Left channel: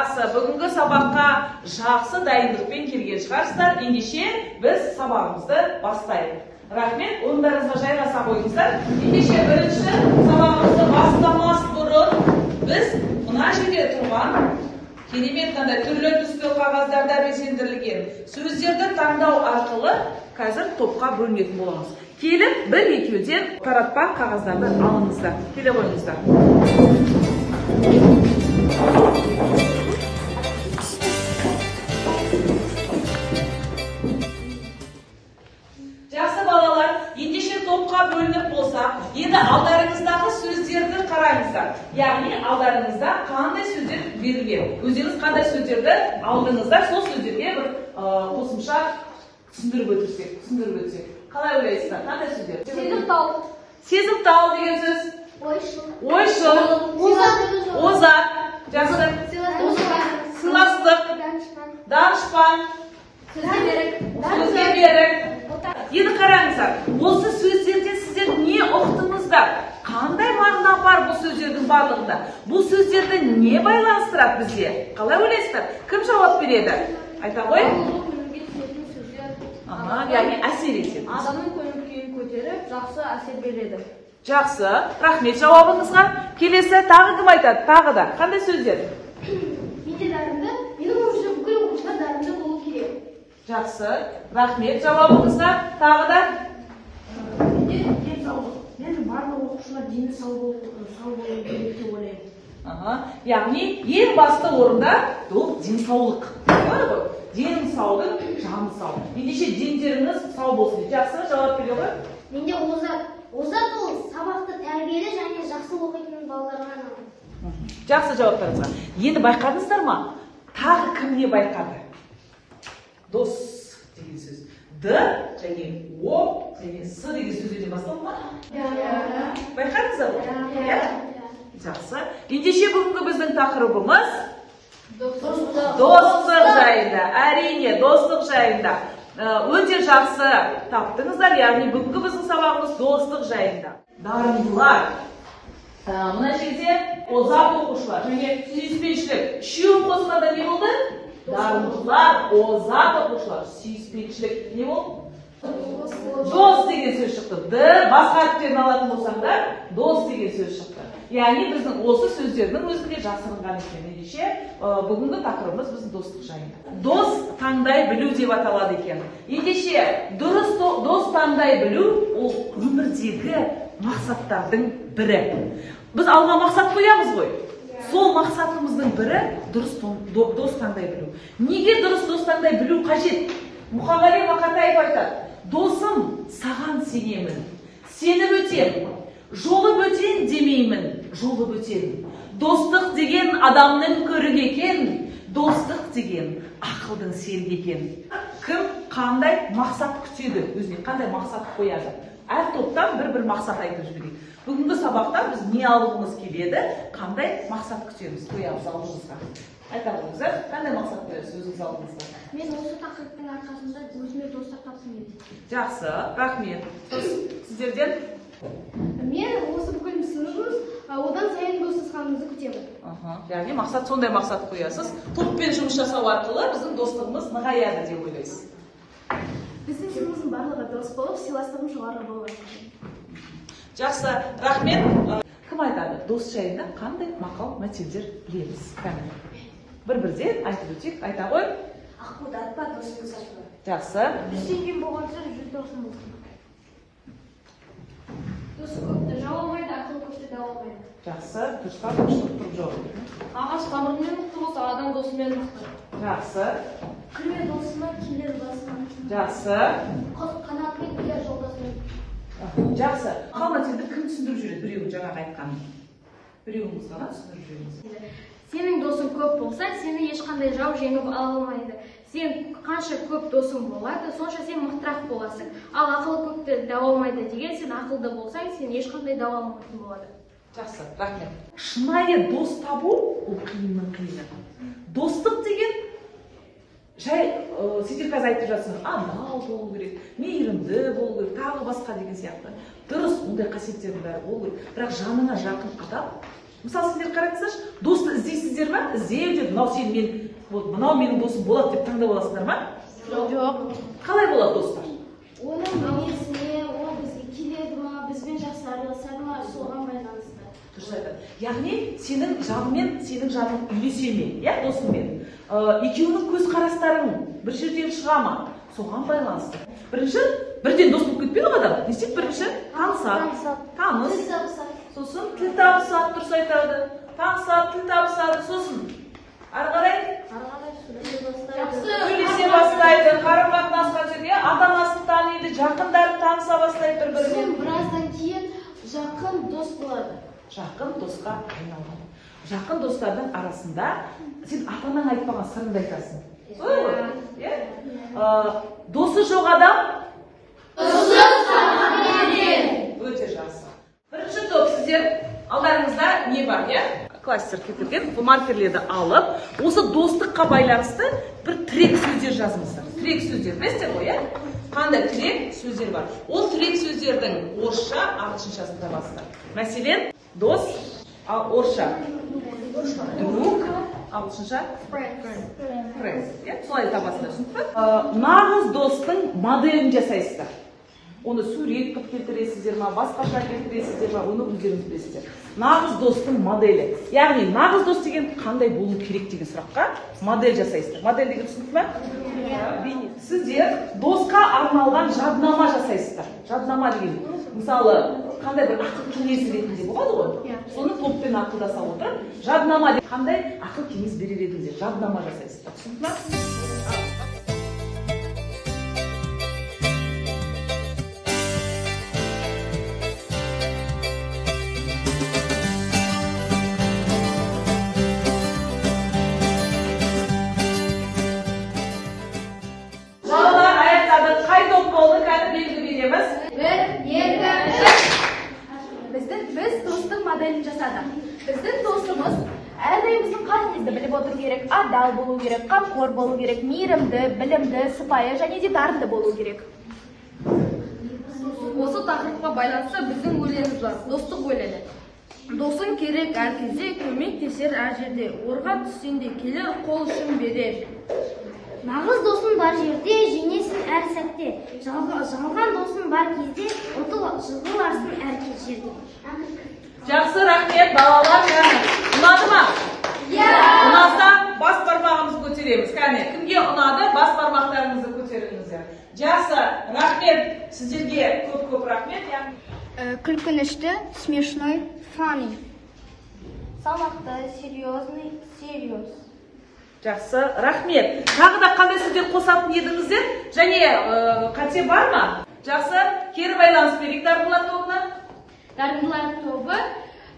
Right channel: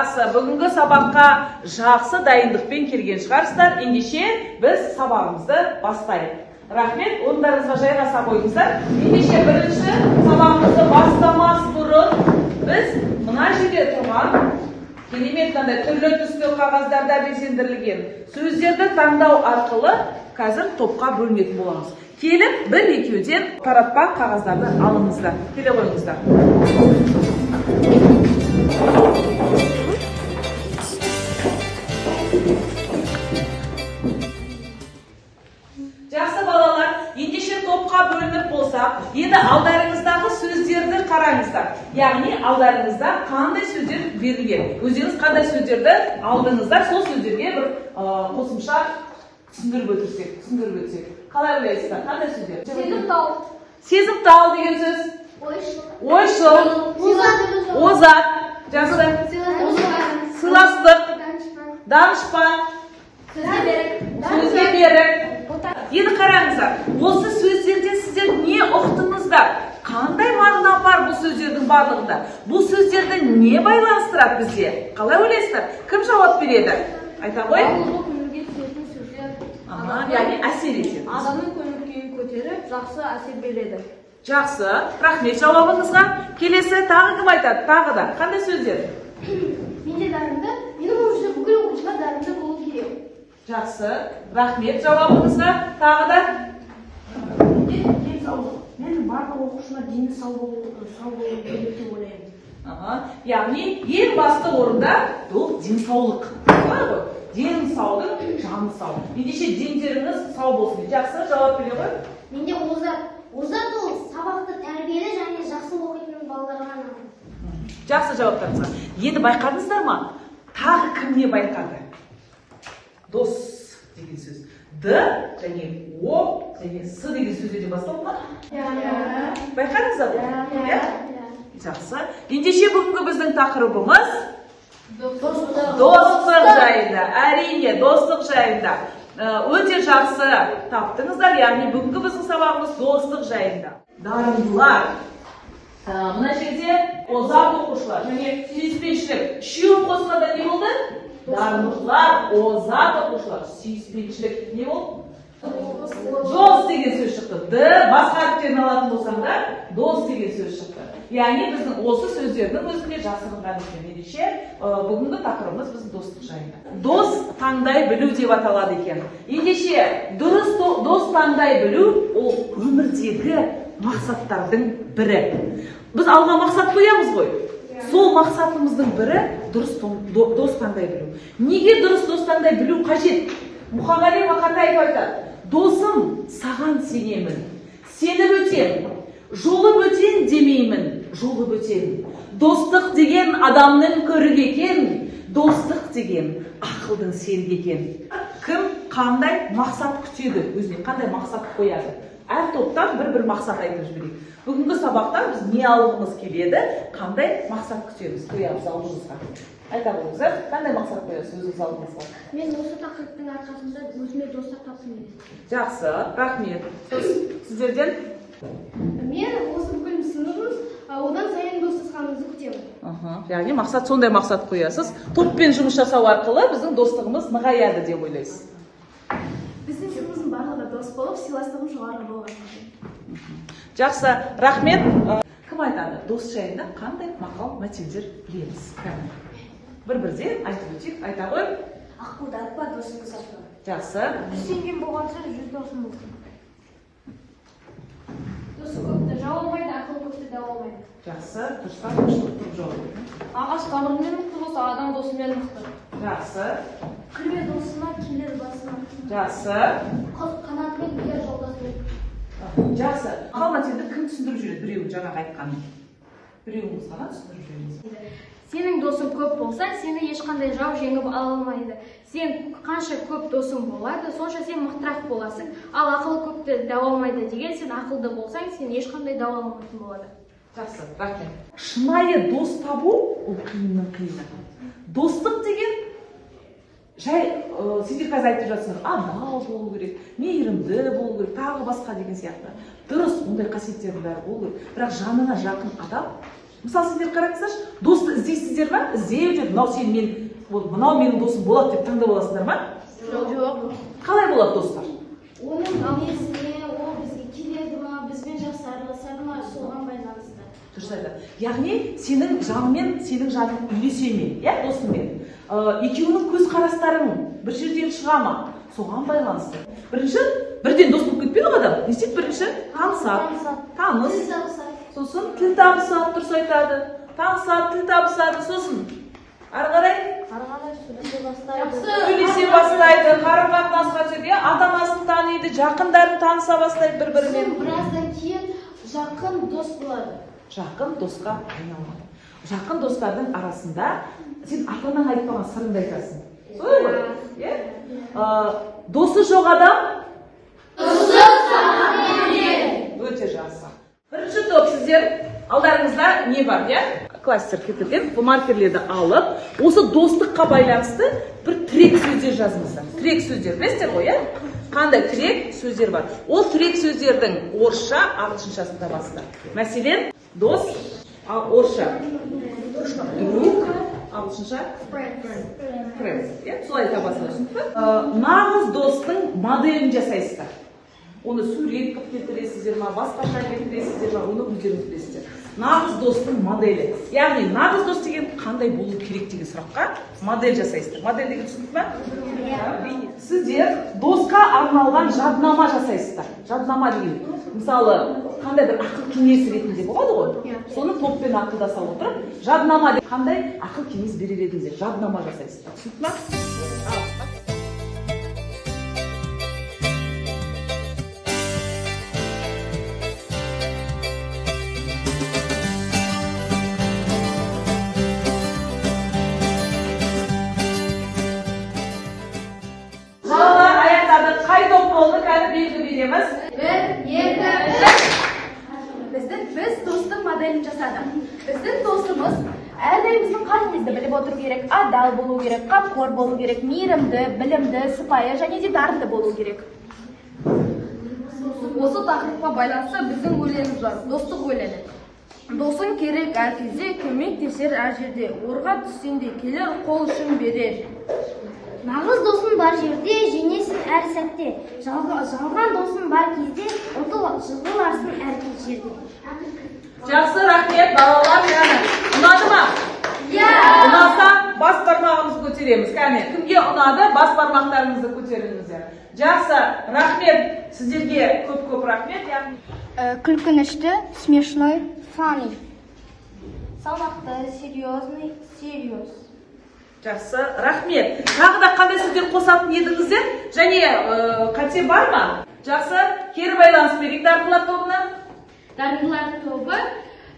Жақсы, бүгінгі сабаққа жақсы дайындықпен келген шығарсыздар. Ендеше біз сабағымызды бастайық. Рахмет, орындарыңызға жайғаса қойыңыздар. Ендеше бірінші сабағымызды бастамас бұрын біз мына жерде тұрған керемет қандай түрлі түсті қағаздарда безендірілген сөздерді таңдау арқылы қазір топқа бөлінетін боламыз. Келіп, бір екеуден таратпақ қағаздарды алыңыздар. Келе қойыңыздар. Жақсы балалар, ендеше топқа бөлініп болса, енді алдарыңыздағы сөздерді қараңыздар. Яғни алдарыңызда қандай сөздер берілген. Өздеріңіз қандай сөздерді алдыңыздар, сол сөздерге бір қосымша түсіндіріп өтсек. Қалай ойлайсыздар? Қандай сөздер? Сезімтал. Сезімтал деген сөз. Ойшыл. Озат. Жақсы. Сыйластық. Данышпан. Сөзге берік. Енді қараңыздар. Осы сөздерден сіздер не ұқтыңыздар? Қандай мағына бар бұл сөздердің барлығында? Бұл сөздерді не байланыстырады бізге? Қалай ойлайсыздар? Кім жауап береді? Айта ғой. Яғни әсер етеді. Адамның көңіл-күйін көтеріп, жақсы әсер береді. Жақсы. Рахмет жауабыңызға. Келесі тағы кім айтады? Тағы да. Қандай сөздер? Менде дарынды, менің ойымша бүкіл оқушылар дарынды болу керек. Жақсы. Рахмет жауабыңызға. Тағы да. Менің барлық оқушылар дені сау болу керек деп ойлаймын. Яғни ең басты орында бұл денсаулық. Бар ғой? Денің саудың, жаны сау. Ендеше дендеріңіз сау болсын. Жақсы жауап бере ғой? Менде озат. Озат ол сабақты тәрбиелі және жақсы оқитын балаларға арналған. Жақсы жауаптарыңызға. Енді байқадыңыздар ма? Тағы кім не байқады? Дос деген сөз. Д және О және С деген сөздерден басталды ма? Байқадыңыздар ма? Жақсы. Ендеше бүгінгі біздің тақырыбымыз достық жайында. Әрине, достық жайында. Өте жақсы таптыңыздар. Яғни бүгінгі біздің сабағымыз достық жайында. Дарындылар. Мына жерде озат оқушылар және сүйіспеншілік. Үшеуін қосқанда не болды? Дарындылар, озат оқушылар, сүйіспеншілік. Не болды? Дос деген сөз шықты. Д басқа әріптерін алатын болсаңдар, дос деген сөз шықты. Яғни біздің осы сөздердің өзінде жасырынған екен. Ендеше бүгінгі тақырыбымыз біздің достық жайында. Дос таңдай білу деп аталады екен. Ендеше дұрыс дос таңдай білу ол өмірдегі мақсаттардың бірі. Біз алға мақсат қоямыз ғой. Сол мақсатымыздың бірі дұрыс дос таңдай білу. Неге дұрыс дос таңдай білу қажет? Мұқағали Мақатаев айтады: досым, саған сенемін, сеніп өтем, жолы бөтен демеймін, жолы бөтен. Достық деген адамның көрік екен, достық деген ақылдың серік екен. Кім қандай мақсат күтеді, өзіне қандай мақсат қояды? Әр топтан бір мақсат айтып жіберейік. Бүгінгі сабақта біз не алғымыз келеді, қандай мақсат күтеміз, қоямыз алдымызға. Айта қойыңыздар, қандай мақсат қоясыз өзіңіз алдыңызға? Мен осы тақырыптың арқасында өзіме достық таптым еді. Жақсы, рахмет. Сіздерден? Мен осы бүкіл сыныбымыз одан сайын достасқанымызды күтемін. Яғни мақсат, сондай мақсат қоясыз. Топпен жұмыс жасау арқылы біздің достығымыз нығаяды деп ойлайсыз. Біздің сыныбымыздың барлығы дос болып, сыйластығым жоғары болған. Жақсы, рахмет. Кім айтады? Дос жайында қандай мақал мәтелдер білеміз? Бір-бірден айтып өтейік. Айта ғой. Ақылды айтпа, досыңды сатпа. Жақсы. 100 теңгем болғанша 100 досым болсын. Дос көпті жау алмайды, ақыл көпті дау алмайды. Жақсы. Дұрыстап тұрып жауап. Ағаш тамырымен мықты болса, адам досымен мықты. Жақсы. Кірме досына, келер басына. Жақсы. Құс қанатымен келер жолдасымен. Жақсы. Мақал мәтелді кім түсіндіріп жүреді? Біреуін жаңағы айтқанын. Біреуіңіз ғана түсіндіріп жүріңіз. Сенің досың көп болса, сені ешқандай жау жеңіп ала алмайды. Сен қанша көп досың болады, сонша сен мықтырақ боласың. Ал ақылы көпті дау алмайды деген, сен ақылды болсаң, сен ешқандай дау алмайтын болады. Жақсы, рахмет. Шынайы дос табу ол қиынның қиыны. Достық деген жай сендер қазір айтып жатсыңдар, адал болу керек, мейірімді болу керек, тағы басқа деген сияқты. Дұрыс, ондай қасиеттердің бәрі болу керек. Бірақ жанына жақын адам Мысалы сендер қараңыздаршы, досты іздейсіздер ма? Іздеу деп, мынау менің досым болады деп таңдап аласыңдар ма? Жоқ. Қалай болады достар? Оның мінезіне, ол бізге келеді ма, бізбен жақсы араласады ма, соған байланысты. Дұрыс айтады. Яғни сенің жаныңмен, сенің жаның үйесе ме, досыңмен. Екеуінің көзқарастарың бір жерден шыға ма? Соған байланысты. Бірінші, бірден дос болып кетпейді ғой адам. Не істейді бірінші? Танысады. Таныс. Сосын тіл табысады, дұрыс айтады. Танысады, тіл табысады, сосын. Ары қарай? Сөйлесе бастайды, қарым-қатынасқа жүрген, ата-анасын таниды, жақындарын таныса бастайды бір-бірімен. Біраздан кейін жақын дос болады. Жақын досқа айналады. Жақын достардың арасында сен ата-анаң айтпаған сырыңды айтасың. Солай ғой? Досы жоқ адам? Өте жақсы. Бірінші топ сіздер алдарыңызда не бар, кластер кетірген, бұл маркерлерді алып, осы достыққа байланысты бір тірек сөздер жазыңыздар. Тірек сөздер, білесіздер ғой, қандай тірек сөздер бар? Ол тірек сөздердің орысша ағылшыншасын табасыздар. Мәселен, дос, орысша друг, ағылшынша friend. Солай табасыздар, түсінікті? Нағыз достың моделін жасайсыздар. Оны сурет қып келтіресіздер ма, басқаша келтіресіздер ма, оны өздеріңіз білесіздер. Нағыз достың моделі. Яғни нағыз дос деген қандай болу керек деген сұраққа модель жасайсыздар. Модель деген түсінікті ме? Сіздер досқа арналған жаднама жасайсыздар. Жаднама деген, мысалы, қандай бір ақыл кеңес ретінде болады ғой? Соны топпен ақылдаса отырып, жаднама деп қандай ақыл кеңес берер едіңіздер, жаднама жасайсыздар. Түсінікті ме? Біз достың моделін жасадық. Біздің достымыз әрдайым біздің қалымызды біліп отыру керек, адал болу керек, қамқор болу керек, мейірімді, білімді, сыпайы және де дарынды болу керек. Осы тақырыпқа байланысты біздің өлеңіміз бар, достық өлеңі. Досың керек әр кезде, көмектесер әр жерде, орға түссенде келер, қол ұшын берер. Нағыз досың бар жерде, жеңесің әр сәтте. Жалған досың бар кезде, жығыласың әр жерде. Жақсы, рахмет, балалар, ұнады ма? Ұнаса, бас бармағымызды көтереміз. Кәне, кімге ұнады, бас бармақтарыңызды көтеріңіздер. Жақсы, рахмет, сіздерге көп рахмет. Күлкінішті, смешной, funny. Салмақты, серьезный, serious. Жақсы, рахмет. Тағы да қандай сіздер қосатын едіңіздер? Және қате бар ма? Жақсы, кері байланыс берейік дарындылар тобына. Дарындылар тобы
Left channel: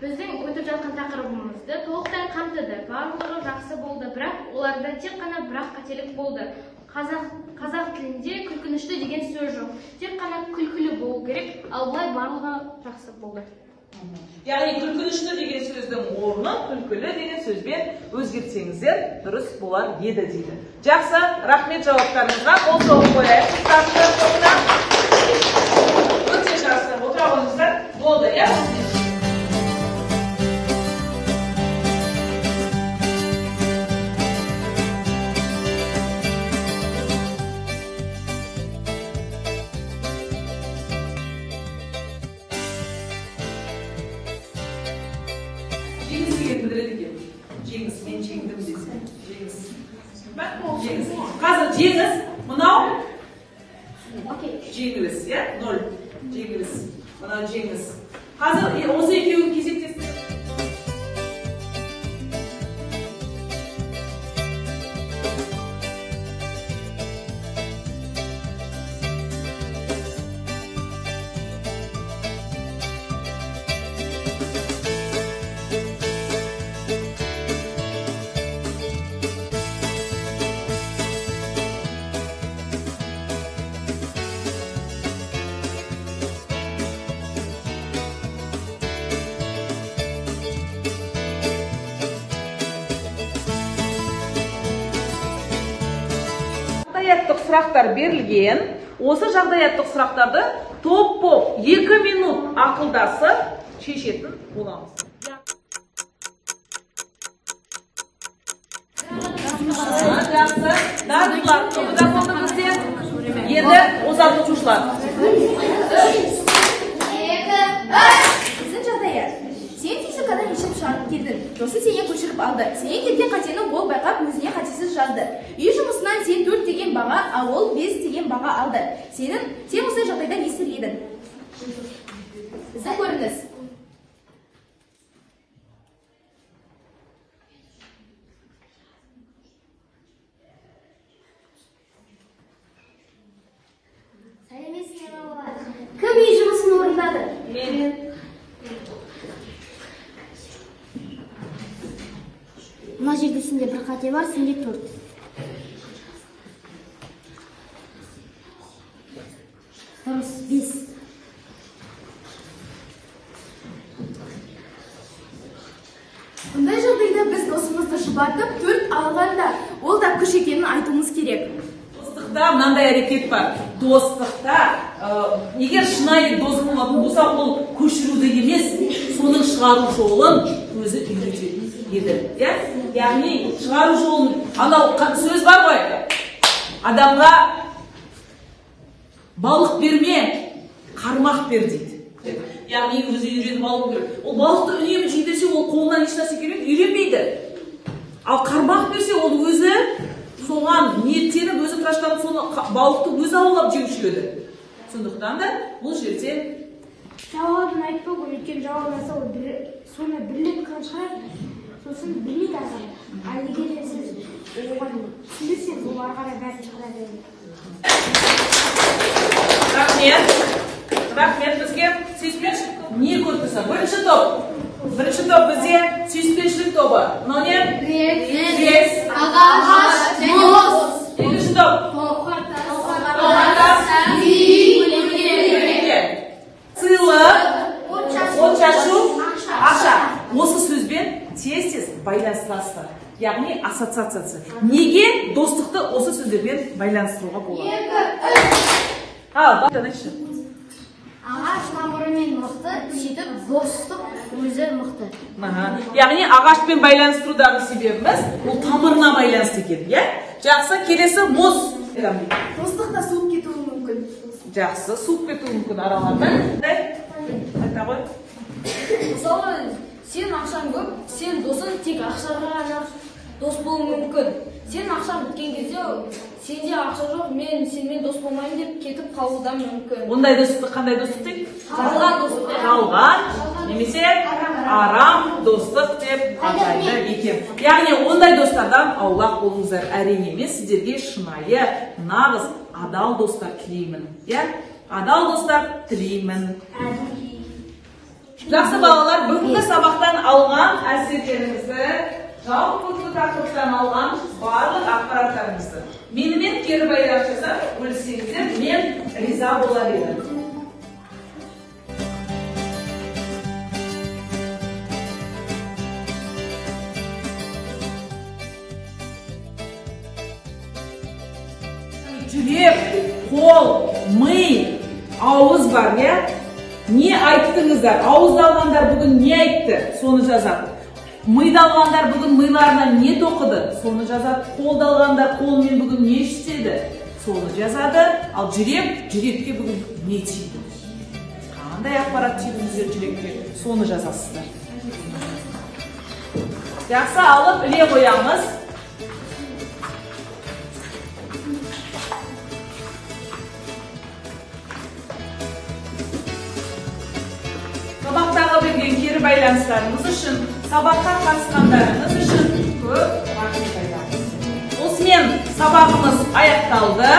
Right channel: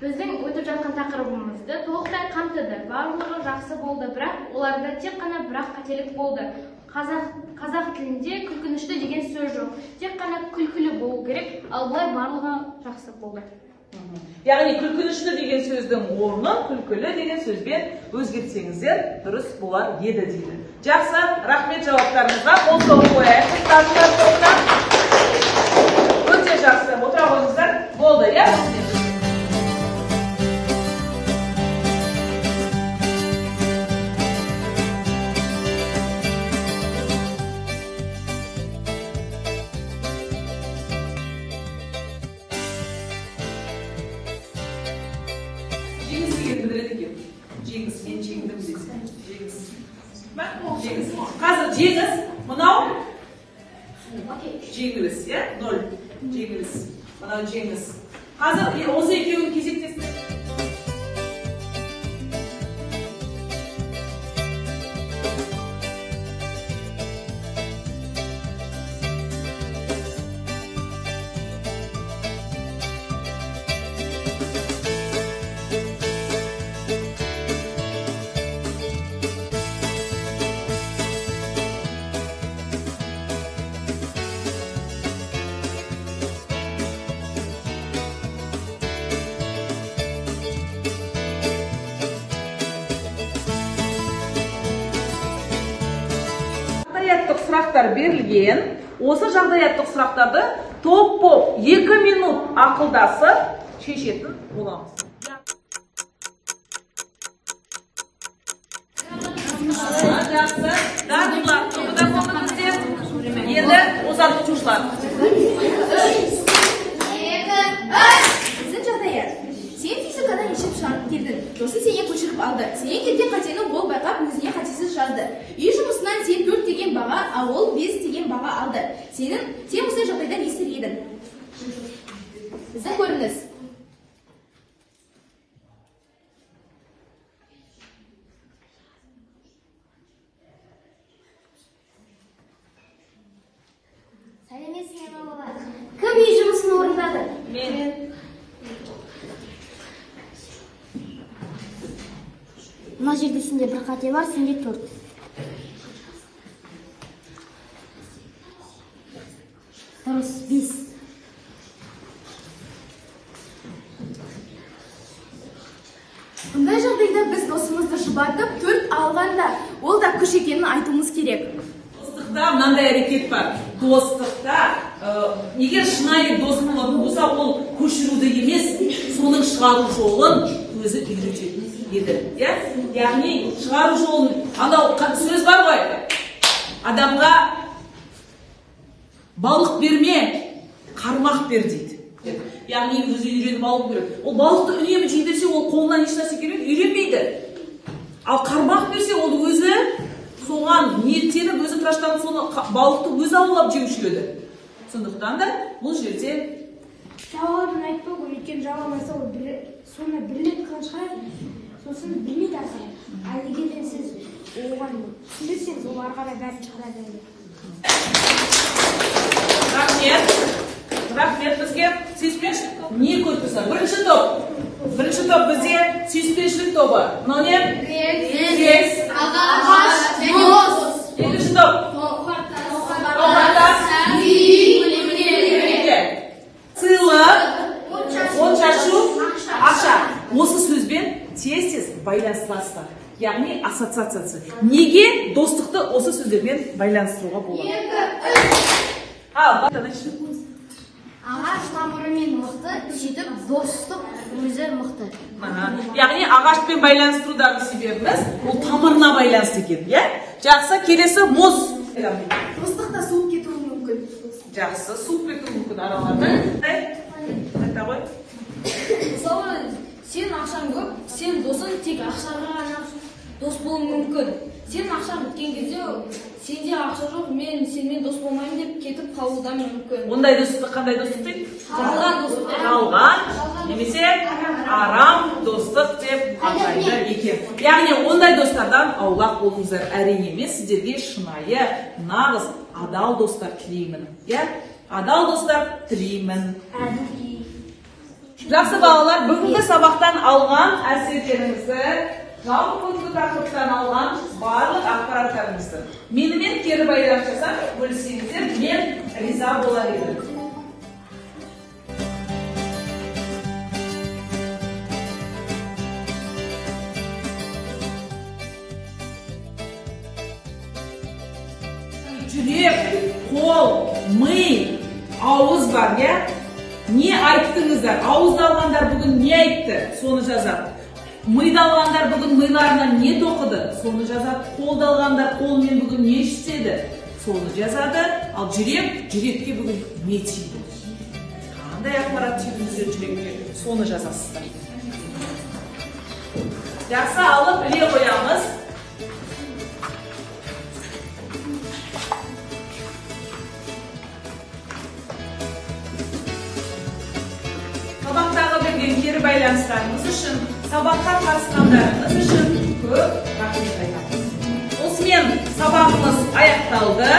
біздің өтіп жатқан тақырыбымызды толықтай қамтыды. Барлығы жақсы болды, бірақ оларда тек қана бірақ қателік болды. Қазақ тілінде күлкінішті деген сөз жоқ. Тек қана күлкілі болу керек, ал былай барлығы жақсы болды. Яғни күлкінішті деген сөздің орнын күлкілі деген сөзбен өзгертсеңіздер дұрыс болар еді дейді. Жақсы, рахмет жауаптарыңызға. Қол соғып қояйық. Дарындар тобына. Өте жақсы. Отыра қойыңыздар. Болды, қазір жеңіс, мынау жеңіліс, 0 жеңіліс, мынау жеңіс. Қазір осы екеуін кезектесін. Жағдаяттық сұрақтар берілген. Осы жағдаяттық сұрақтарды топ-топ 2 минут ақылдасып шешетін боламыз. жақсы. Дарындар, енді ұзатып тұрсақ. Біздің жағдайы. Сен физикадан ешіп шығарып келдің. Жосы сенен көшіріп алды. Сенен келген қатені ол байқап өзіне қатесіз жазды. Үй жұмысынан сен 4 деген баға, ал ол 5 деген баға алды. Сен осындай жағдайда не істер едің? Біздің көрініс. Сәлеметсіздер ме балалар? Кім үй жұмысын орындады? Мен. Мына жерде сенде бір қате бар, сенде 4. Дұрыс, 5. Бұндай жағдайда біз досымызды жұбатып 4 алғанда, ол да күш екенін айтуымыз керек. Достықта мынандай әрекет бар. Достықта егер шынайы дос болатын болса, ол көшіруді емес, соның шығару жолын өзі үйрететін еді. Яғни шығару жолын, анау сөз бар ғой, адамға балық берме, қармақ бер дейді. Яғни өзі үйреніп алу керек. Ол балықты үнемі жейдесе, ол қолынан ешнәрсе келмейді, үйренбейді. Ал қармақ берсе, ол өзі соған ниеттеніп, өзі тыраштанып, соны балықты өзі аулап жеуші еді. Сондықтан да бұл жерде Жауабын айтпау керек, тек жауаптаса ол соны бірлеп шығарып, сосын білмейді ары қарай. Ал егер де сіз оған түсіндірсеңіз, ол ары қарай бәрін шығара береді. Рахмет бізге сүйіспеншілік не көп тұрса. Бірінші топ бізде сүйіспеншілік тобы. Мынау не? Бес. Ағаш, дос. Екінші топ. Сыйлық, от шашу, ақша. Осы сөзбен тез байланыстырасыздар. Яғни ассоциациясы. Неге достықты осы сөздермен байланыстыруға болады? Ағаш тамырымен мықты, сөйтіп достық өзі мықты. Яғни ағашпен байланыстырудағы себебіміз ол тамырына байланысты екен. Жақсы, келесі мұз. Достықта суып кетуі мүмкін. Жақсы, суып кетуі мүмкін арамады. Мысалы, сен ақшаң көп, сен досың тек ақшаға дос болуы мүмкін. Сен ақшаң біткен кезде, сенде ақша жоқ, мен сенімен дос болмайын деп кетіп қалуы да мүмкін. Ондай достықты қандай достық дейді? Жалған достық. Жалған, немесе арам достық деп атайды екен. Яғни ондай достардан аулақ болыңыздар. Әрине емес, сіздерге шынайы, нағыз, адал достар тілеймін. Адал достар тілеймін. Жақсы балалар, бүгінгі сабақтан алған әсерлеріңізді, жалпы бүгінгі тақырыптан алған барлық ақпараттарыңызды менімен кері байланыстырсақ бөліссеңіздер, мен риза болар едім. Жүрек, қол, ми, ауыз бар, не айттыңыздар? Ауызды алғандар бүгін не айтты? Соны жазады. Миды алғандар бүгін миларынан не тоқыды? Соны жазады. Қолды алғандар қолмен бүгін не істеді? Соны жазады. Ал жүрекке бүгін не тиді? Қандай ақпарат тиді жүрекке? Соны жазасыз. Жақсы, алып біле қоямыз. Сабақтағы берген кері байланыстарыңыз үшін, сабаққа қатысқандарыңыз үшін көп рахмет айтамын. Осымен сабағымыз аяқталды.